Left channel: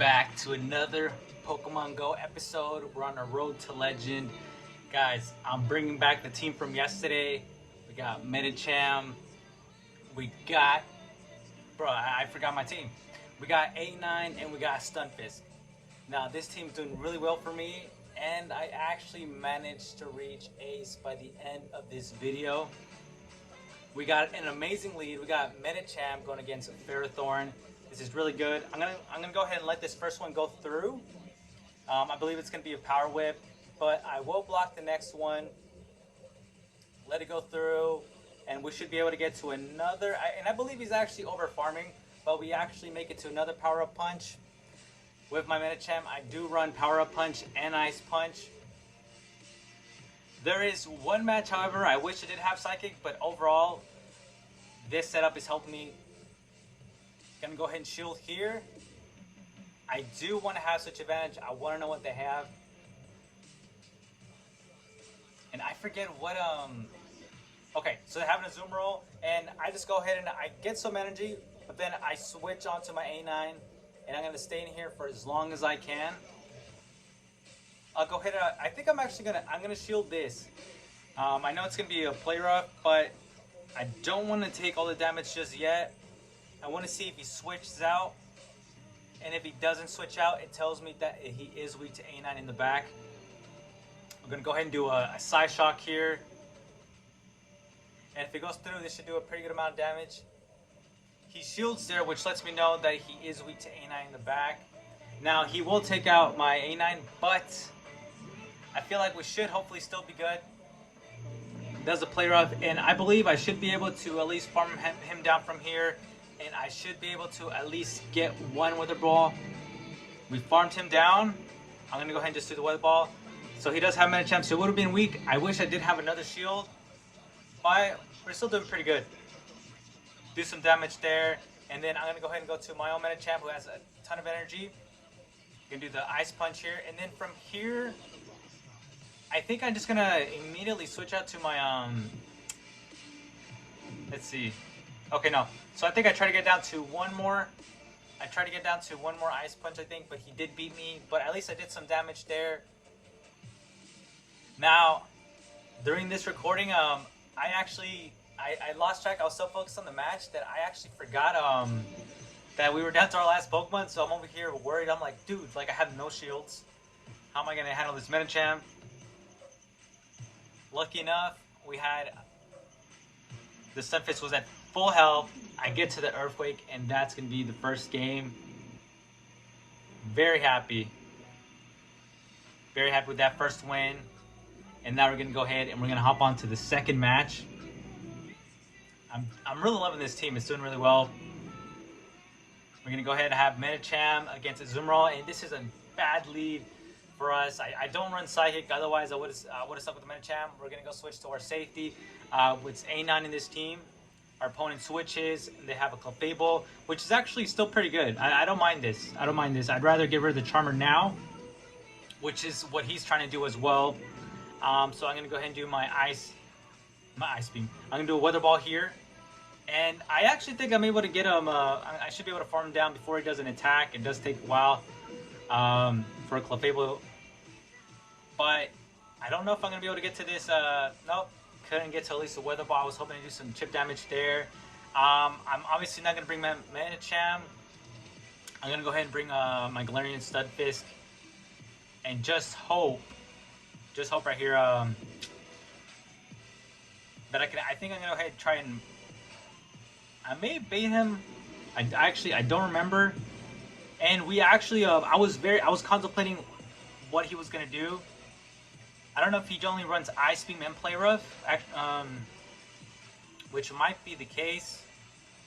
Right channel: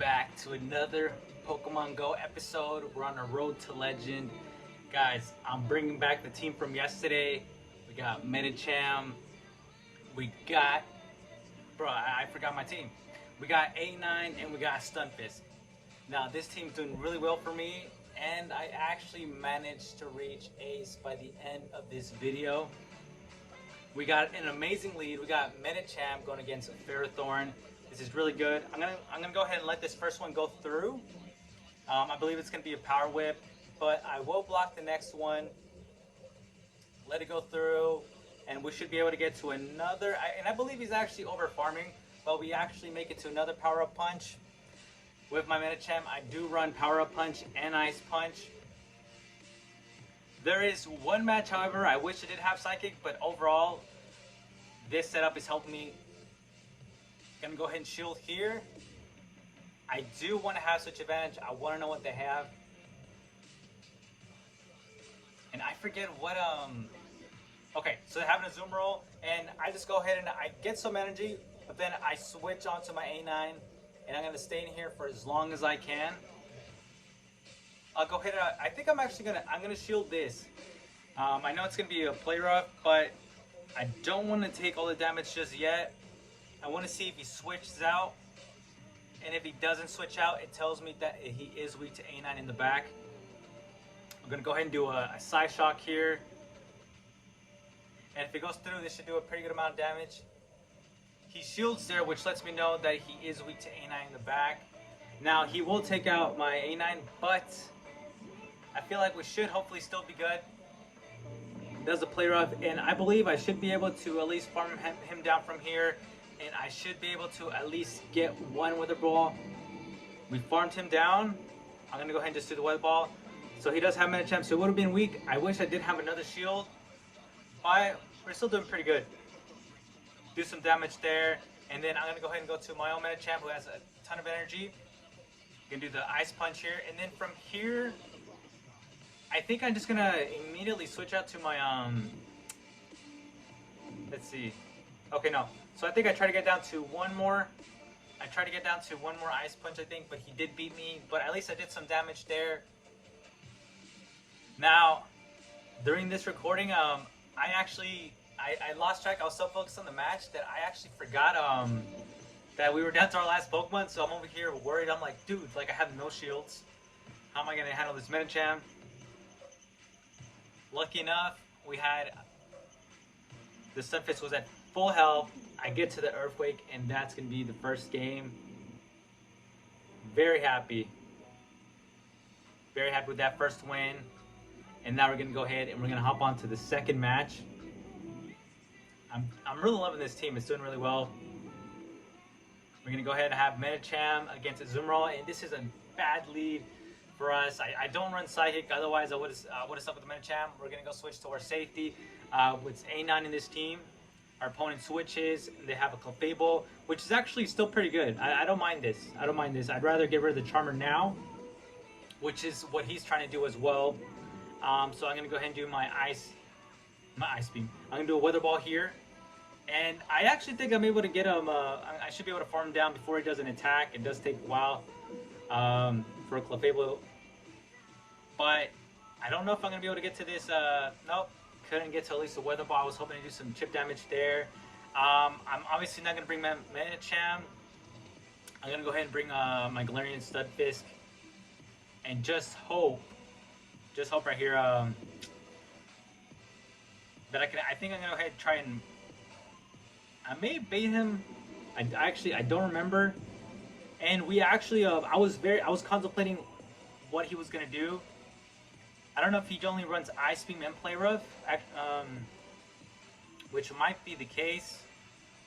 back to another Pokemon Go episode. We're on a road to legend. Guys, I'm bringing back the team from yesterday. We got Medicham. We got... Bro, I forgot my team. We got 8-9 and we got Stunfisk. Now, this team's doing really well for me, and I actually managed to reach Ace by the end of this video. We got an amazing lead. We got Medicham going against Ferrothorn. This is really good. I'm gonna go ahead and let this first one go through. I believe it's gonna be a power whip, but I will block the next one. Let it go through, and we should be able to get to another. And I believe he's actually over farming, but we actually make it to another power up punch. With my Medicham, I do run power up punch and ice punch. There is one match, however, I wish I did have Psychic, but overall, this setup is helping me. Gonna go ahead and shield here. I do want to have such advantage. I want to know what they have. And I forget what, okay, so they're having a zoom roll, and I just go ahead and I get some energy, but then I switch onto my A9, and I'm gonna stay in here for as long as I can. I'll go ahead and I think I'm gonna shield this. I know it's gonna be a play rough, but I don't want to take all the damage just yet. I want to see if he switches out, and if he doesn't switch out, it tells me that he is weak to A9 in the back. We're gonna go ahead and do a side shock here, and if it goes through, this should do a pretty good amount of damage. He shields there, which lets me know that he is weak to A9 in the back. Now he will take out my A9, but I feel like we should hopefully still be good. Does the play rough, and I believe I should be able to at least farm him down from here, and I should be able to at least get one Weather Ball. We farmed him down. I'm gonna go ahead and just do the Weather Ball. So he does have Medicham, so it would have been weak. I wish I did have another shield, but we're still doing pretty good. Do some damage there, and then I'm gonna go ahead and go to my own Medicham, who has a ton of energy. Gonna do the ice punch here, and then from here, I think I'm just gonna immediately switch out to my let's see. Okay, no. So I think I tried to get down to one more. I tried to get down to one more ice punch, I think, but he did beat me. But at least I did some damage there. Now, during this recording, I lost track. I was so focused on the match that I actually forgot that we were down to our last Pokemon. So I'm over here worried. I'm like, dude, like I have no shields. How am I gonna handle this Medicham? Lucky enough, we had the Stunfisk was at full health. I get to the Earthquake, and that's gonna be the first game. Very happy with that first win. And now we're gonna go ahead and we're gonna hop on to the second match. I'm really loving this team. It's doing really well. We're gonna go ahead and have Medicham against Azumarill, and this is a bad lead for us. I don't run Psychic, otherwise I would have stuck with the Medicham. We're gonna go switch to our safety. With A9 in this team, our opponent switches, and they have a Clefable, which is actually still pretty good. I don't mind this. I don't mind this. I'd rather get rid of the Charmer now, which is what he's trying to do as well. So I'm gonna go ahead and do my Ice Beam. I'm gonna do a Weather Ball here, and I actually think I'm able to get him. I should be able to farm him down before he does an attack. It does take a while for a Clefable, but I don't know if I'm gonna be able to get to this. Nope. Couldn't get to at least the Weather Ball. I was hoping to do some chip damage there. I'm obviously not going to bring my Medicham. I'm going to go ahead and bring my Galarian Stunfisk. And just hope right here that I think I'm going to go ahead and try and... I may bait him. I don't remember. And we actually, I was contemplating what he was going to do. I don't know if he only runs Ice Beam and Play Rough, which might be the case.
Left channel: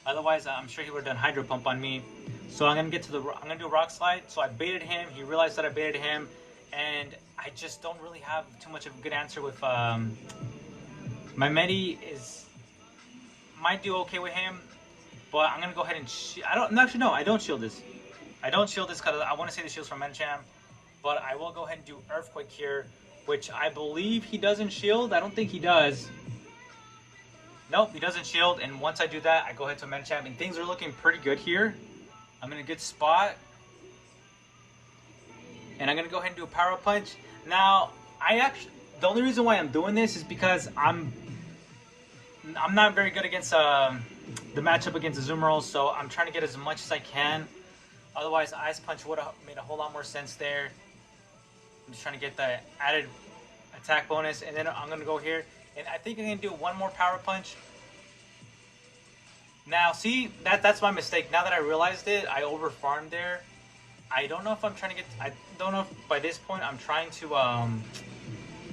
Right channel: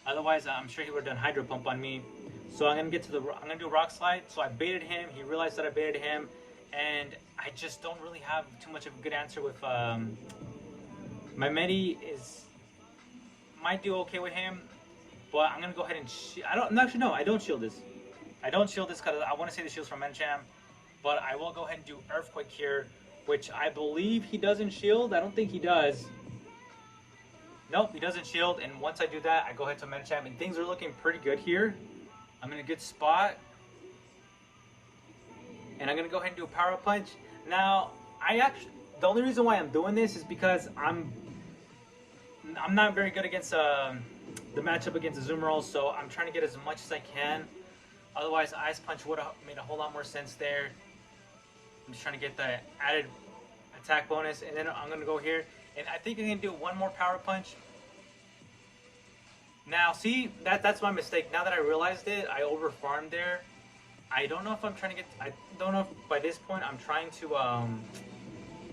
Otherwise, I'm sure he would have done Hydro Pump on me. So I'm gonna do Rock Slide. So I baited him. He realized that I baited him, and I just don't really have too much of a good answer with my Medi might do okay with him, but I'm gonna go ahead and I don't shield this. I don't shield this because I want to say the shield's from Medicham, but I will go ahead and do Earthquake here, which I believe he doesn't shield. I don't think he does. Nope, he doesn't shield, and once I do that, I go ahead to Medicham, and things are looking pretty good here. I'm in a good spot. and I'm gonna go ahead and do a power punch. Now, the only reason why I'm doing this is because I'm not very good against the matchup against Azumarill, so I'm trying to get as much as I can. Otherwise, Ice Punch would have made a whole lot more sense there. I'm just trying to get the added attack bonus, and then I'm gonna go here, and I think I'm gonna do one more power punch. Now, see, that's my mistake. Now that I realized it, I over farmed there. I don't know if I'm trying to get. I don't know if by this point I'm trying to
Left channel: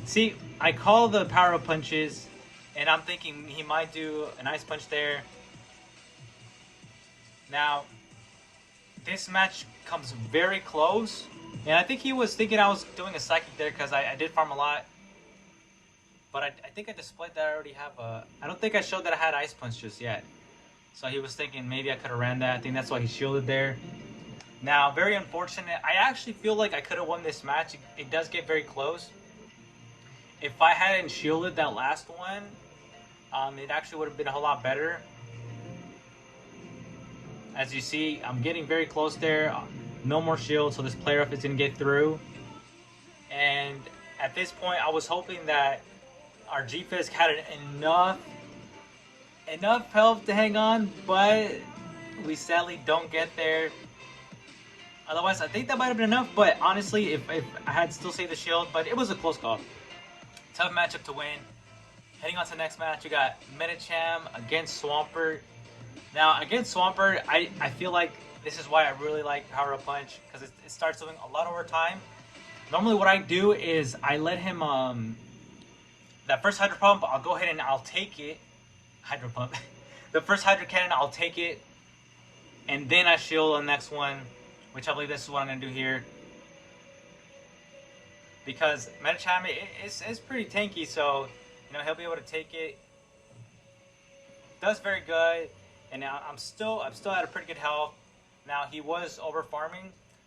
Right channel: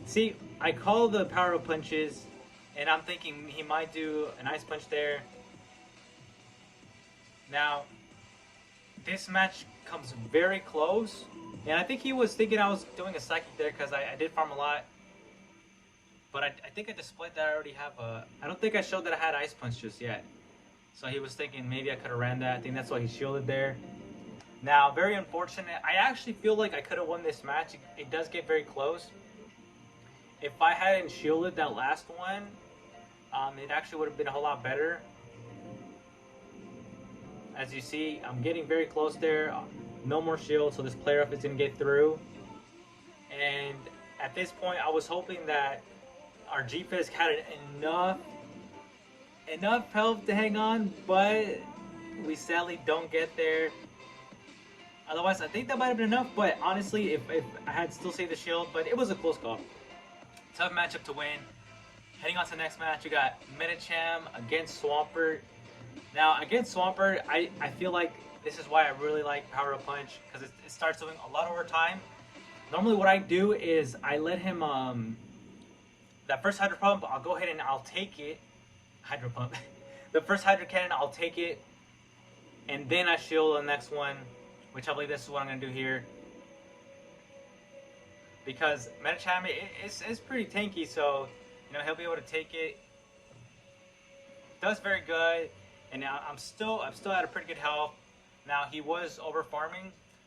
see. I call the power punches, and I'm thinking he might do an Ice Punch there. Now, this match comes very close, and I think he was thinking I was doing a Psychic there because I did farm a lot. But I think I displayed that I already have a... I don't think I showed that I had Ice Punch just yet. So he was thinking maybe I could have ran that. I think that's why he shielded there. Now, very unfortunate. I actually feel like I could have won this match. It does get very close. If I hadn't shielded that last one, it actually would have been a whole lot better. As you see, I'm getting very close there. No more shield, so this player up is going to get through. And at this point, I was hoping that our G-Fisk had enough health to hang on, but we sadly don't get there. Otherwise, I think that might have been enough, but honestly, if I had still saved the shield, but it was a close call. Tough matchup to win. Heading on to the next match, we got Medicham against Swampert. Now, against Swampert, I feel like this is why I really like Power Up Punch, because it starts doing a lot over time. Normally what I do is I let him, that first Hydro Pump, I'll go ahead and I'll take it. Hydro Pump. The first Hydro Cannon, I'll take it. And then I shield on the next one, which I believe this is what I'm going to do here. Because Medicham is pretty tanky, so, you know, he'll be able to take it. Does very good. And now I'm still at a pretty good health. Now he was over farming,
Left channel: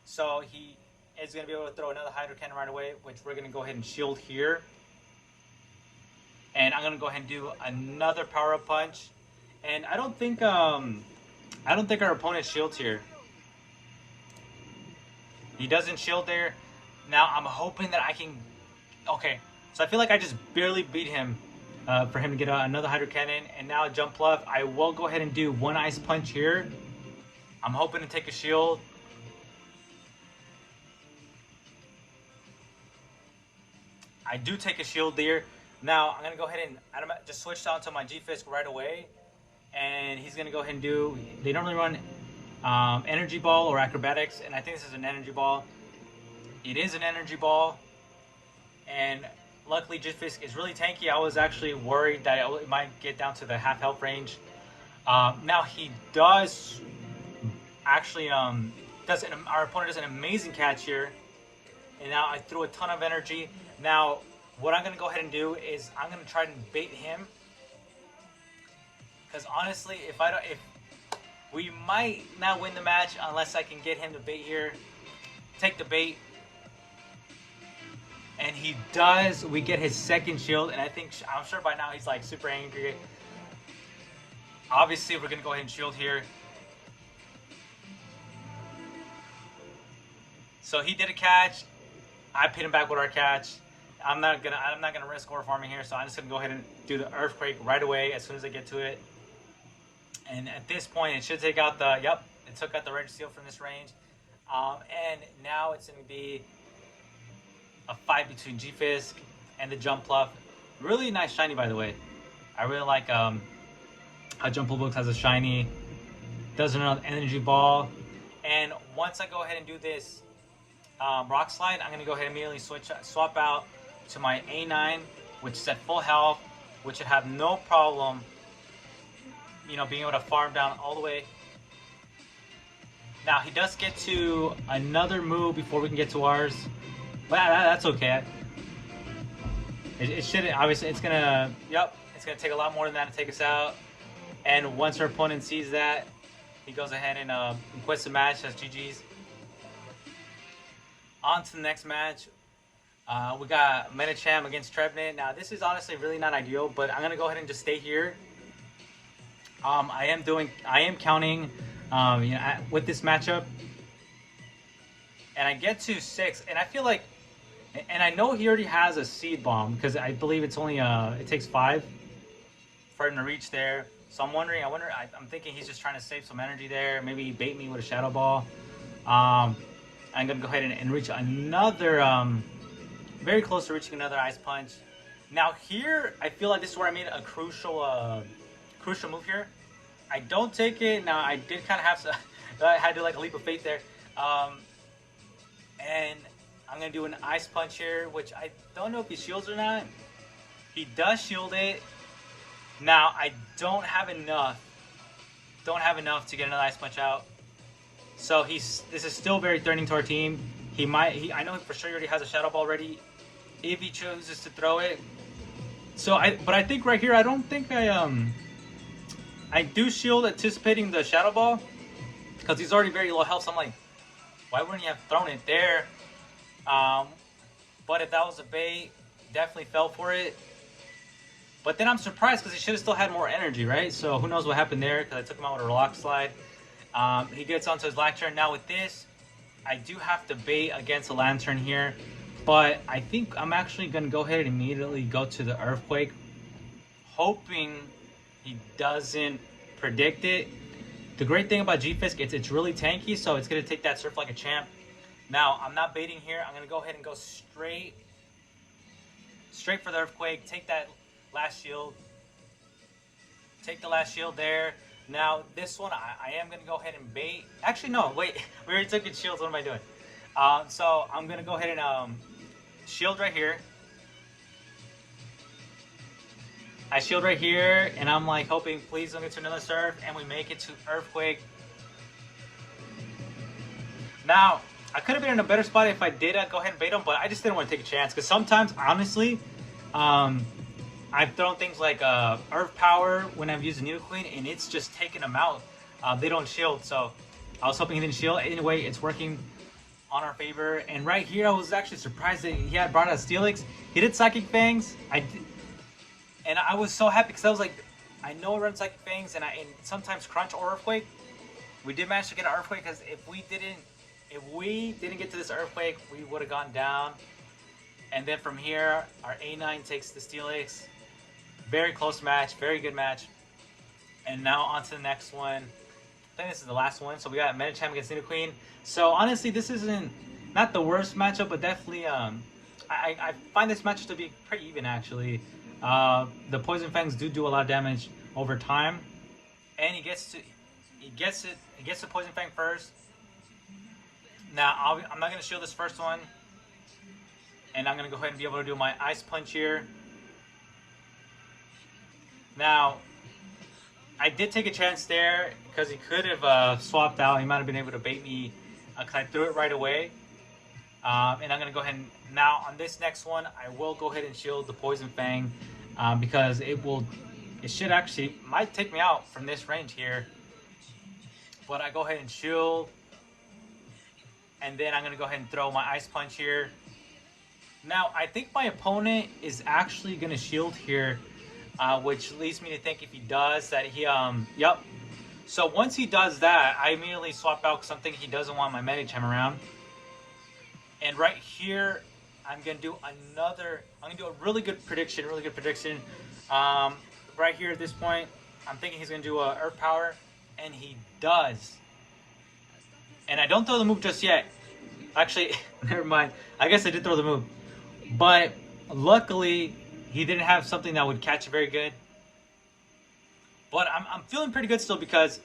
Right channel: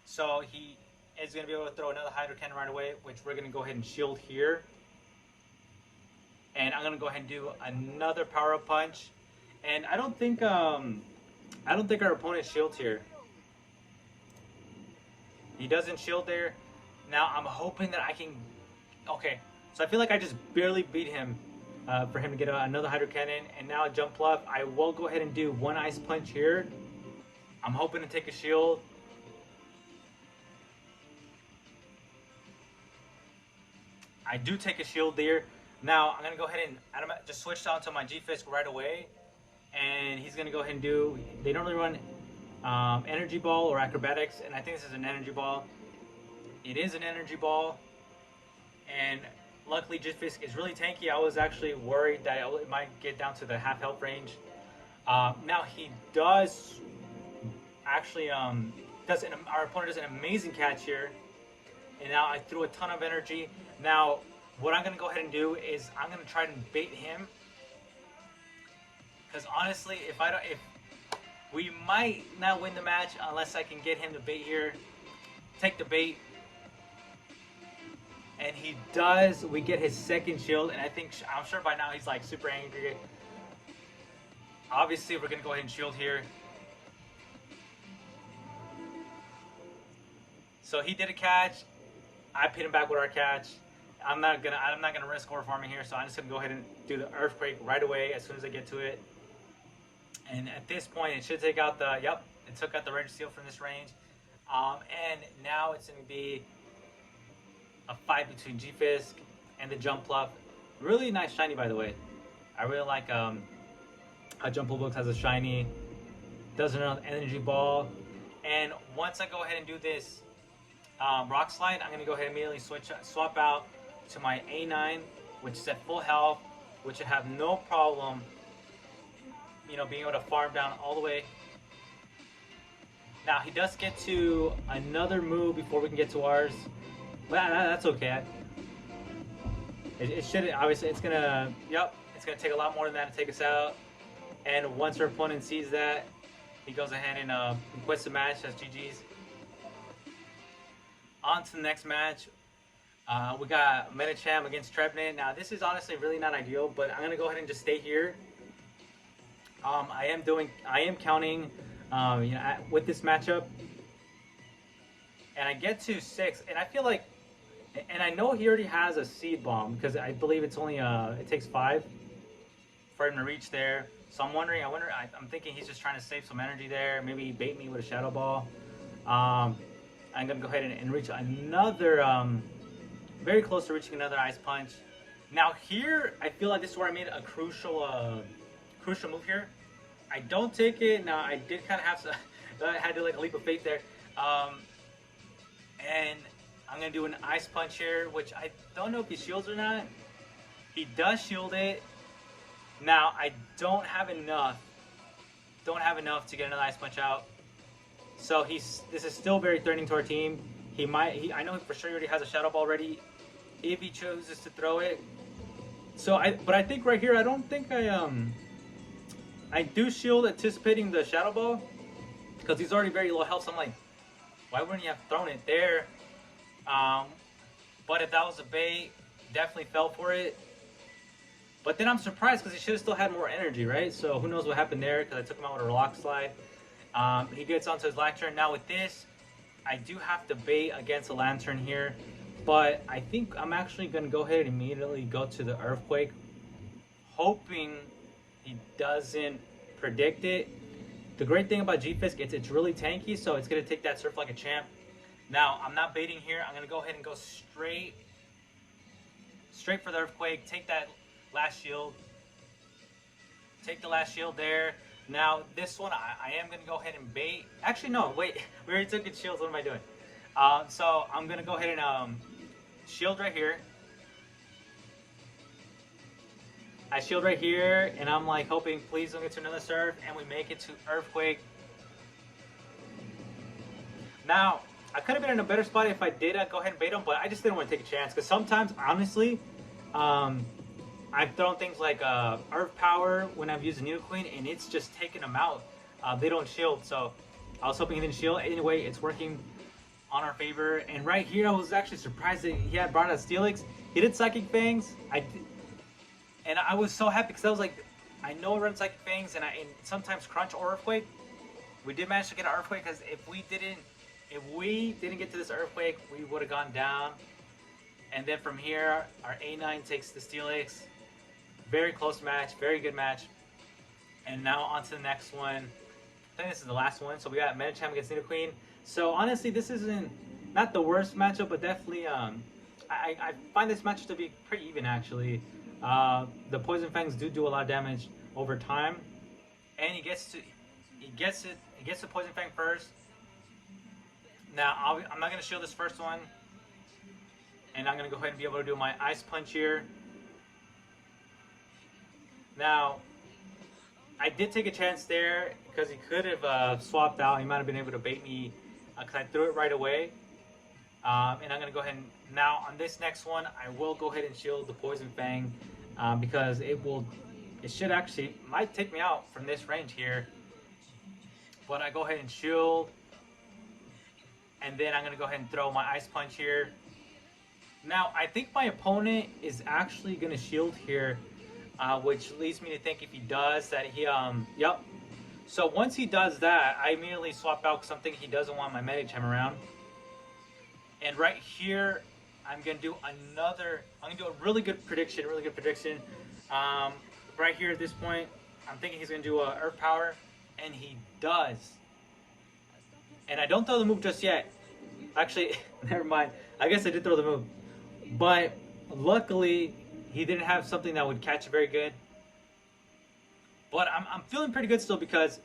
so he is going to be able to throw another Hydro Cannon right away, which we're going to go ahead and shield here. And I'm going to go ahead and do another Power Up Punch. And I don't think our opponent shields here. He doesn't shield there. Now I'm hoping that I can. Okay, so I feel like I just barely beat him. For him to get another Hydro Cannon, and now a Jump Bluff. I will go ahead and do one Ice Punch here. I'm hoping to take a shield. I do take a shield there. Now I'm gonna go ahead and just switch on to my G-Fisk right away, and he's gonna go ahead and do. They normally run Energy Ball or Acrobatics, and I think this is an Energy Ball. It is an Energy Ball, and luckily, Jufin is really tanky. I was actually worried that it might get down to the half health range. Now he does actually our opponent does an amazing catch here, and now I threw a ton of energy. Now what I'm gonna go ahead and do is I'm gonna try to bait him, because honestly, if we might not win the match unless I can get him to bait here, take the bait. And he does. We get his second shield, and I'm sure by now he's like super angry. Obviously, we're gonna go ahead and shield here. So he did a catch. I pit him back with our catch. I'm not gonna risk overfarming here, so I'm just gonna go ahead and do the Earthquake right away as soon as I get to it. And at this point, it should take out the. Yep, it took out the Rage Seal from this range. And now it's gonna be a fight between G-Fisk and the Jump Bluff. Really nice shiny, by the way. I really like how Jump Bluff has a shiny. Does another Energy Ball. And once I go ahead and do this Rock Slide, I'm going to go ahead and immediately swap out to my A9, which is at full health, which should have no problem, you know, being able to farm down all the way. Now, he does get to another move before we can get to ours. But that's okay. It shouldn't. Obviously, it's gonna take a lot more than that to take us out. And once our opponent sees that, he goes ahead and quits the match as GG's. On to the next match. We got Medicham against Trevenant. Now, this is honestly really not ideal, but I'm gonna go ahead and just stay here. I am counting, with this matchup. and I get to 6, and I feel like, and I know he already has a seed bomb because I believe it's only it takes 5 for him to reach there. So I'm wondering, I'm thinking he's just trying to save some energy there. Maybe bait me with a shadow ball. I'm gonna go ahead and reach another, very close to reaching another ice punch. Now here, I feel like this is where I made a crucial move here. I don't take it. Now I did kind of have to, I had to like a leap of faith there. And I'm gonna do an ice punch here, which I don't know if he shields or not. He does shield it. Now I don't have enough to get another ice punch out. So this is still very threatening to our team. I know for sure he already has a shadow ball ready if he chooses to throw it. So but I think right here, I don't think I do shield anticipating the shadow ball because he's already very low health. So I'm like, why wouldn't he have thrown it there? But if that was a bait, definitely fell for it. But then I'm surprised because he should have still had more energy, right? So who knows what happened there because I took him out with a rock slide. He gets onto his lantern. Now with this, I do have to bait against a lantern here. But I think I'm actually going to go ahead and immediately go to the earthquake, hoping he doesn't predict it. The great thing about G-Fisk, it's really tanky, so it's going to take that surf like a champ. Now, I'm not baiting here. I'm going to go ahead and go straight for the earthquake, take that last shield. Take the last shield there. Now, this one, I am going to go ahead and bait. Actually, no, wait. We already took its shields. What am I doing? So, I'm going to go ahead and shield right here. I shield right here, and I'm like hoping, please don't get to another surf, and we make it to earthquake. Now, I could have been in a better spot if I did go ahead and bait him, but I just didn't want to take a chance. Because sometimes, honestly, I've thrown things like Earth Power when I've used the Queen, and it's just taking them out. They don't shield, so I was hoping he didn't shield. Anyway, it's working on our favor. And right here, I was actually surprised that he had brought out Steelix. He did Psychic Fangs. And I was so happy because I was like, I know it runs Psychic Fangs, and sometimes Crunch or Earthquake. We did manage to get an Earthquake because if we didn't get to this Earthquake, we would have gone down. And then from here, our A9 takes the Steelix. Very close match, very good match. And now on to the next one. I think this is the last one. So we got Medicham against Queen. So honestly, this isn't not the worst matchup, but definitely I find this match to be pretty even actually. The Poison Fangs do a lot of damage over time, and he gets the Poison Fang first. Now I'm not gonna shield this first one, and I'm gonna go ahead and be able to do my Ice Punch here. Now I did take a chance there because he could have swapped out. He might have been able to bait me because I threw it right away. And I'm gonna go ahead and now on this next one, I will go ahead and shield the Poison Fang because it should actually might take me out from this range here. But I go ahead and shield, and then I'm gonna go ahead and throw my Ice Punch here. Now I think my opponent is actually gonna shield here, which leads me to think if he does that yep. So once he does that, I immediately swap out something he doesn't want my Medicham around. And right here, I'm gonna do a really good prediction, right here at this point, I'm thinking he's gonna do a Earth Power, and he does. And I don't throw the move just yet. Actually, never mind. I guess I did throw the move. But luckily, he didn't have something that would catch it very good. But I'm feeling pretty good still because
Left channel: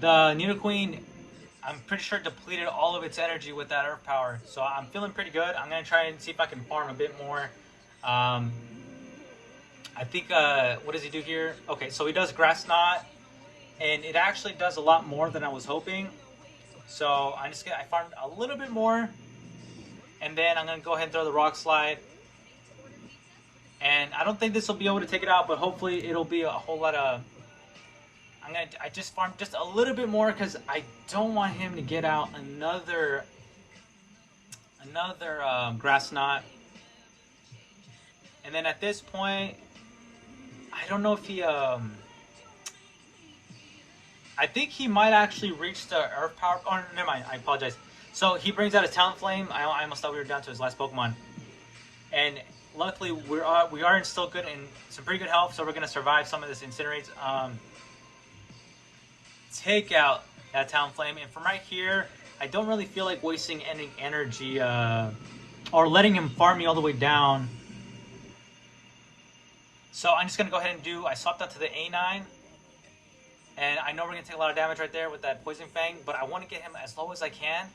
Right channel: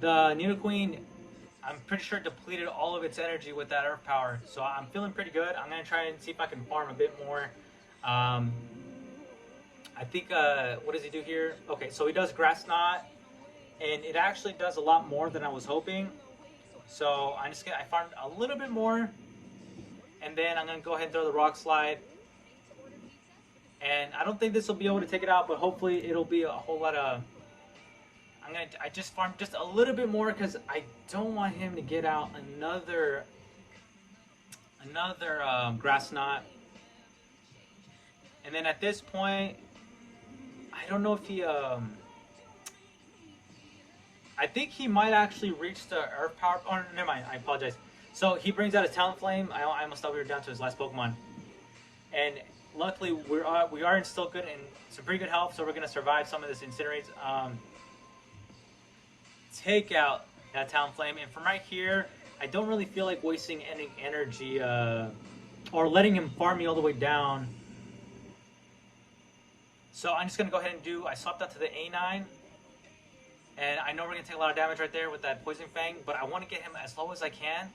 the Queen, I'm pretty sure depleted all of its energy with that Earth Power. So I'm feeling pretty good. I'm going to try and see if I can farm a bit more. I think, what does he do here? Okay, so he does Grass Knot. And it actually does a lot more than I was hoping. So I farmed a little bit more. And then I'm going to go ahead and throw the Rock Slide. And I don't think this will be able to take it out, but hopefully it'll be a whole lot of... I just farmed just a little bit more because I don't want him to get out another Grass Knot. And then at this point, I don't know if he I think he might actually reach the Earth Power. Oh, never mind. I apologize. So he brings out a Talonflame. I almost thought we were down to his last Pokemon. And luckily we are still good and some pretty good health, so we're gonna survive some of this Incinerates. Take out that Talonflame, and from right here, I don't really feel like wasting any energy or letting him farm me all the way down. So I'm just gonna go ahead and I swapped out to the A9, and I know we're gonna take a lot of damage right there with that Poison Fang, but I want to get him as low as I can.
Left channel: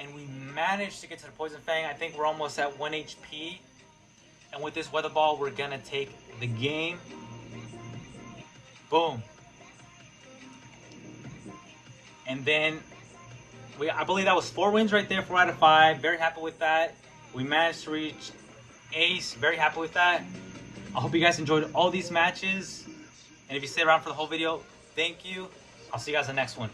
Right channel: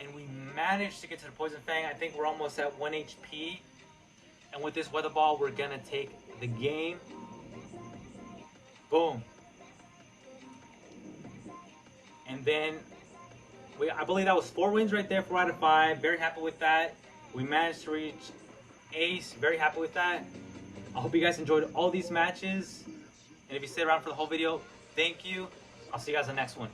And we managed to get to the Poison Fang. I think we're almost at 1 HP. And with this Weather Ball, we're gonna take the game. Boom. And then I believe that was 4 wins right there, 4 out of 5. Very happy with that. We managed to reach Ace. Very happy with that. I hope you guys enjoyed all these matches. And if you stayed around for the whole video, thank you. I'll see you guys in the next one.